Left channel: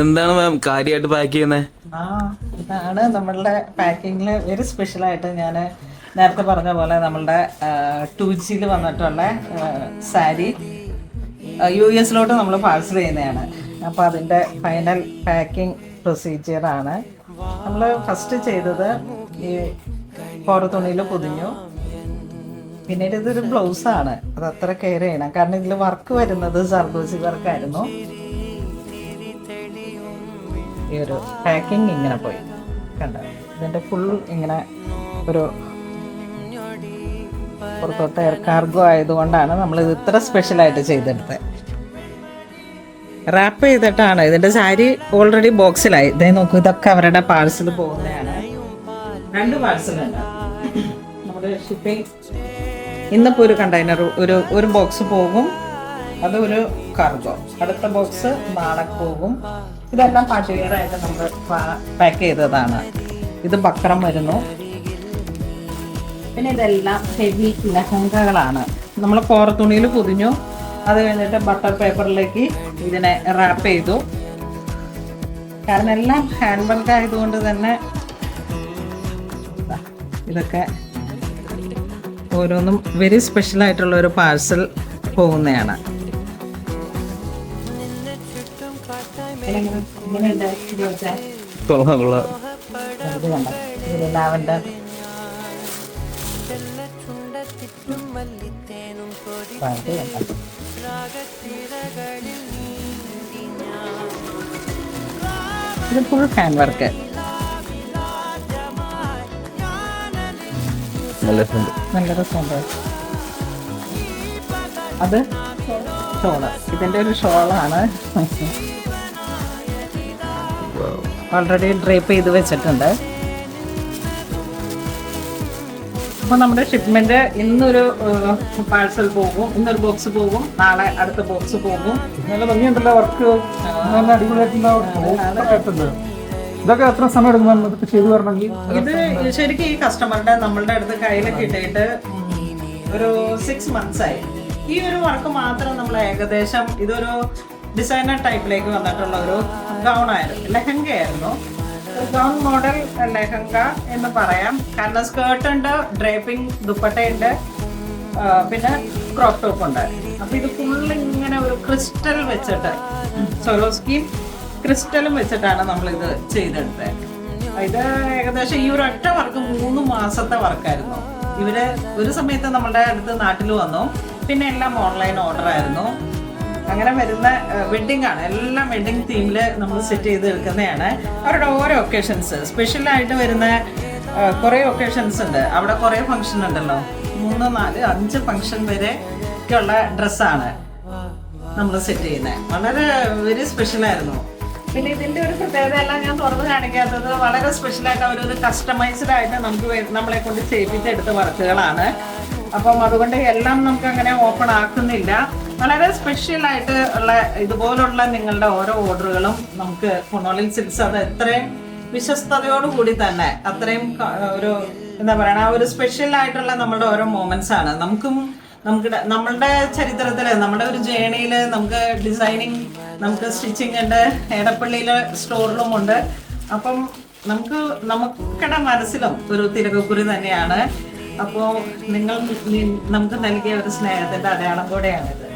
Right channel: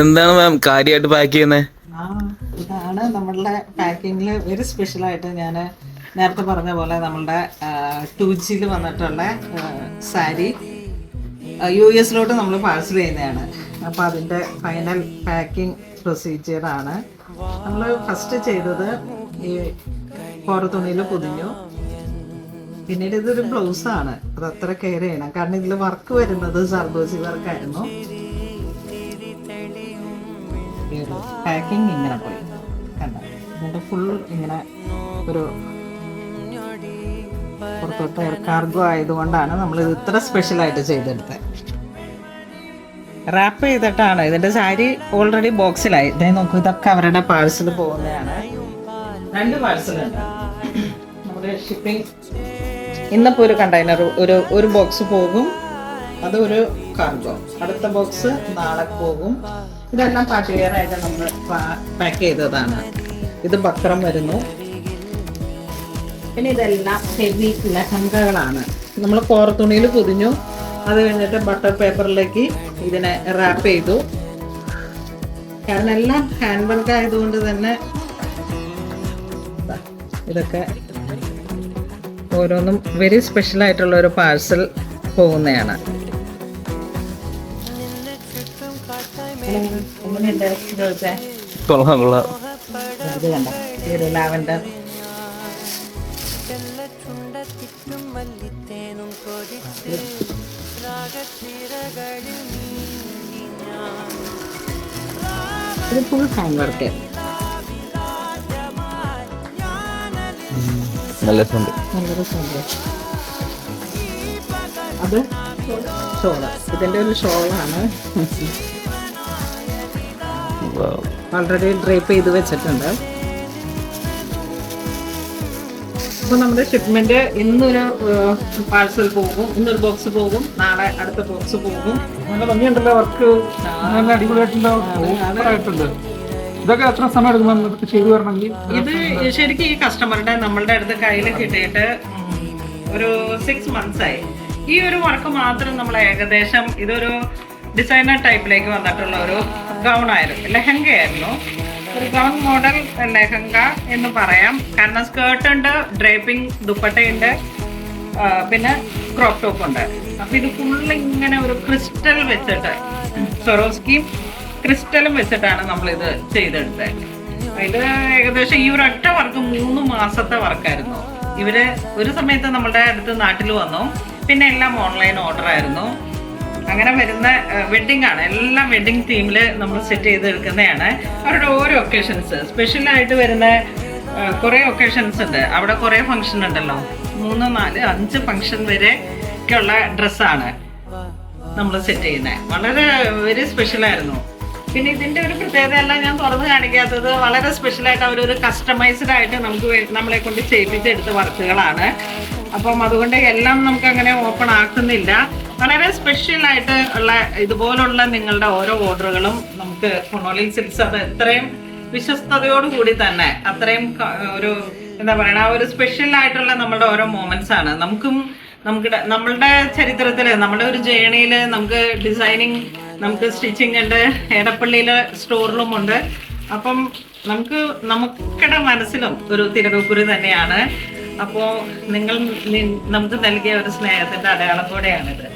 എന്താണ് മാം കാര്യമായിട്ട് പാക്ക് ചെയ്യുന്നത്? ഇതാണ് നമ്മളുടെ പാക്കിങ്ങിൽ വെരി സ്പെഷ്യലായിട്ട് ഞാൻ നേരത്തെ പറഞ്ഞ പോലെ നമ്മളുടെ 2Gയിൽ വന്നിട്ടുള്ള സാരി US നമ്മൾ പാഴ്സൽ ചെയ്യുന്നതാണ്. അപ്പോൾ അതിൻ്റെ ഫൈനൽ പാക്കിംഗ് പ്രൊസീജിയറാണ്. നമ്മൾ ഫസ്റ്റ് ചെയ്തത് ഈ തുണിയിൽ പൊതിഞ്ഞു. പിന്നീട് ഇതൊരു ബ്ലൗസാണ്, അത് അത്ര കെയർ ചെയ്യണം. കാരണം ഇതിൽ വർക്ക് വരുന്നത് സർദോസി വർക്കായിരുന്നു. ഈ ഒരു പാക്കിങ് ഇങ്ങനെ പോയി കണ്ട, ഇതിൻ്റെ ഫുൾ ഇങ്ങനെ ഒരു പുറത്തോട്ട് എയർ കാർഗോ ആയതുകൊണ്ടാണ് നമ്മളിത് ഇത്ര സ്പെഷ്യലായിട്ട് ചെയ്തെടുത്തത്. റാപ്പ് ചെയ്തിട്ടാണ്. ഇതിൻ്റെ സാരി ഓൾറെഡി ബോക്സിലായി. ഇതേ നോക്കൂ, ഇതൊക്കെ അവരുടെ പാഴ്സൽ പോകുന്നതാണ്. 2 പാഴ്സലുണ്ട് നമ്മുടെ ഷിപ്പിംഗ്. ഇന്നിപ്പോൾ ഒരു കണ്ടെയ്നർ ഒരു ബോക്സ് പോകും, അത് ഒരു കാർഗോ. അടുത്ത ബോക്സ് നാളെ പോകും. ഇതെല്ലാം പാർട്ടി വെയർ ആയിട്ട് നമ്മൾ പാക്ക് ചെയ്തതാണ്. ഇത് ബക്രം വരുന്നു. പിന്നെ ഇതെല്ലാം ഹെവി ലഹങ്കകളാണ്. നമ്മൾ തുണിയിൽ പൊതിഞ്ഞു. അത് കഴിഞ്ഞിട്ട് ബട്ടർ പേപ്പറിലേക്ക് ഇതിനെ റാപ്പ് ചെയ്തു. കാരണം എല്ലാം ഹാൻഡ് വർക്ക് ആയതുകൊണ്ട് തന്നെ ഇതൊക്കെ ഓരോന്നും വെരി സ്പെഷ്യലായിട്ടുള്ള ഒരു പാഴ്സൽ പോകുന്നതാണ്. ലാവൻഡർ ഇത് ഫുൾ ഹാൻഡ് വർക്ക്. നല്ല രസമുണ്ട്. അത് ഷോള്, ഇതിൻ്റെ ഒരു ഷോളാണ്. ഓൾറെഡി ഡ്രൈപ്പ് ചെയ്ത് വെച്ചിട്ടുണ്ട്. അപ്പോൾ നമ്മുടെ ഷിപ്മെന്റ് ഇന്നൊരു പാഴ്സൽ പോകും, ഇന്നൊരു ബോക്സ് പോകും, നാളെ അടുത്ത ബോക്സ് പോകും. നല്ല ഭംഗിയുണ്ടല്ലോ വർക്ക്, നല്ല അടിപൊളിയായിട്ടുണ്ട്. ഇതൊക്കെ എത്ര സമയം എടുക്കും ഇതൊക്കെ ചെയ്തു വരണമെങ്കിൽ? ഇത് ശരിക്കും ഈ കസ്റ്റമറുടെ നമ്മളുടെ അടുത്ത് കയ്യിൽ കിട്ടിയിട്ട് ഒരു 6 months ആയി. ഈ ഒരു വർക്ക് മാത്രം നമ്മൾ ഏകദേശം ഇതൊരു ഡിസൈനർ ടൈപ്പിലേക്ക് വന്നിട്ടുള്ള ഒരു ഗൗൺ ആയിരുന്നു, ലെഹങ്ക ആയിരുന്നു. ഒരു ഗൗൺ മോഡൽ ലെഹങ്ക എന്ന് പറയാം. കാരണം സ്കേർട്ട് ഉണ്ട്, ഡ്രേപ്പിംഗ് ദുപ്പട്ടയുണ്ട്, പിന്നെ ക്രോപ്പ് ടോപ്പ് ഉണ്ട്. അപ്പം ഇത് ഫുള്ള് ഇങ്ങനെ ഒരു ക്രിസ്റ്റൽ വെച്ചിട്ട്, സ്വരോസ്കിയും ക്രിസ്റ്റലും വെച്ചിട്ടാണ് നമ്മളിത് ചെയ്തെടുത്തത്. ഇത് ഏകദേശം ഈ ഒരു ഒറ്റ വർക്ക് 3 മാസത്തെ വർക്കായിരുന്നു. ഇവര് ഒരു സമയത്ത് നമ്മളുടെ അടുത്ത് നാട്ടിൽ വന്നു. പിന്നെ എല്ലാം ഓൺലൈൻ ഓർഡർ ആയിരുന്നു. അങ്ങനെ വരുന്ന വെഡ്ഡിംഗ് ആണ്, എല്ലാം വെഡ്ഡിംഗ് തീമിൽ നമ്മൾ സെറ്റ് ചെയ്ത് എടുക്കുന്നതാണ്. അവരുടെ ഓരോ ഒക്കേഷൻസ് സ്പെഷ്യലായിട്ട് വരുന്ന കുറേ ഒക്കേഷൻസ് ഉണ്ട്. അവിടെ കുറേ ഫംഗ്ഷൻ ഉണ്ടല്ലോ, 3, 4, 5 ഫംഗ്ഷൻ വരെ ഒക്കെയുള്ള ഡ്രസ്സാണ് നമ്മൾ സെറ്റ് ചെയ്യുന്നത്. വളരെ വെരി സ്പെഷ്യലായിരുന്നു. പിന്നെ ഇതിൻ്റെ ഒരു പ്രത്യേകത എല്ലാം ഞാൻ തുറന്ന് കാണിക്കാത്തത്, വളരെ സ്പെഷ്യലായിട്ട് അവരൊരു കസ്റ്റമൈസ്ഡ് ആയിട്ട് നമ്മളെ കൊണ്ട് ചെയ്യിപ്പിച്ചെടുത്ത വർക്കുകളാണ്. അപ്പം അതുകൊണ്ട് എല്ലാം നമുക്ക് അങ്ങനെ ഓപ്പൺ ആക്കുന്നില്ല. വളരെ സ്പെഷ്യലായിട്ട് ഉള്ള ഇതുപോലുള്ള നിങ്ങളുടെ ഓരോ ഓർഡറുകളും നമുക്ക് കൊണോളിൽ സിൽക്സ് അത് എത്രയും വിശ്വസ്തയോടുകൂടി തന്നെ അത്രയും ഒരു എന്താ പറയുക, ഒരു സ്പെഷ്യലായിട്ടുള്ള നമ്മളുടെ ഓരോ മൊമെന്റ്സ് ആണ്. നമ്മളുടെ ചരിത്രത്തിൽ, നമ്മുടെ ഒരു ജേണിയിൽ നമുക്ക് ഡിസൈനിങ്, നമുക്ക് സ്റ്റിച്ചിങ് ഉണ്ട്, എടപ്പള്ളിയിലെ സ്റ്റോറിലും ഉണ്ട്. അപ്പം നമുക്കിടെ മനസ്സിലും ഒരു തിരക്കുറി തന്നെയാണ്. അപ്പോൾ നമുക്ക് നൽകിയ ഒരു സ്നേഹത്തിൻ്റെ അടയാളം കൂടെയാണിത്.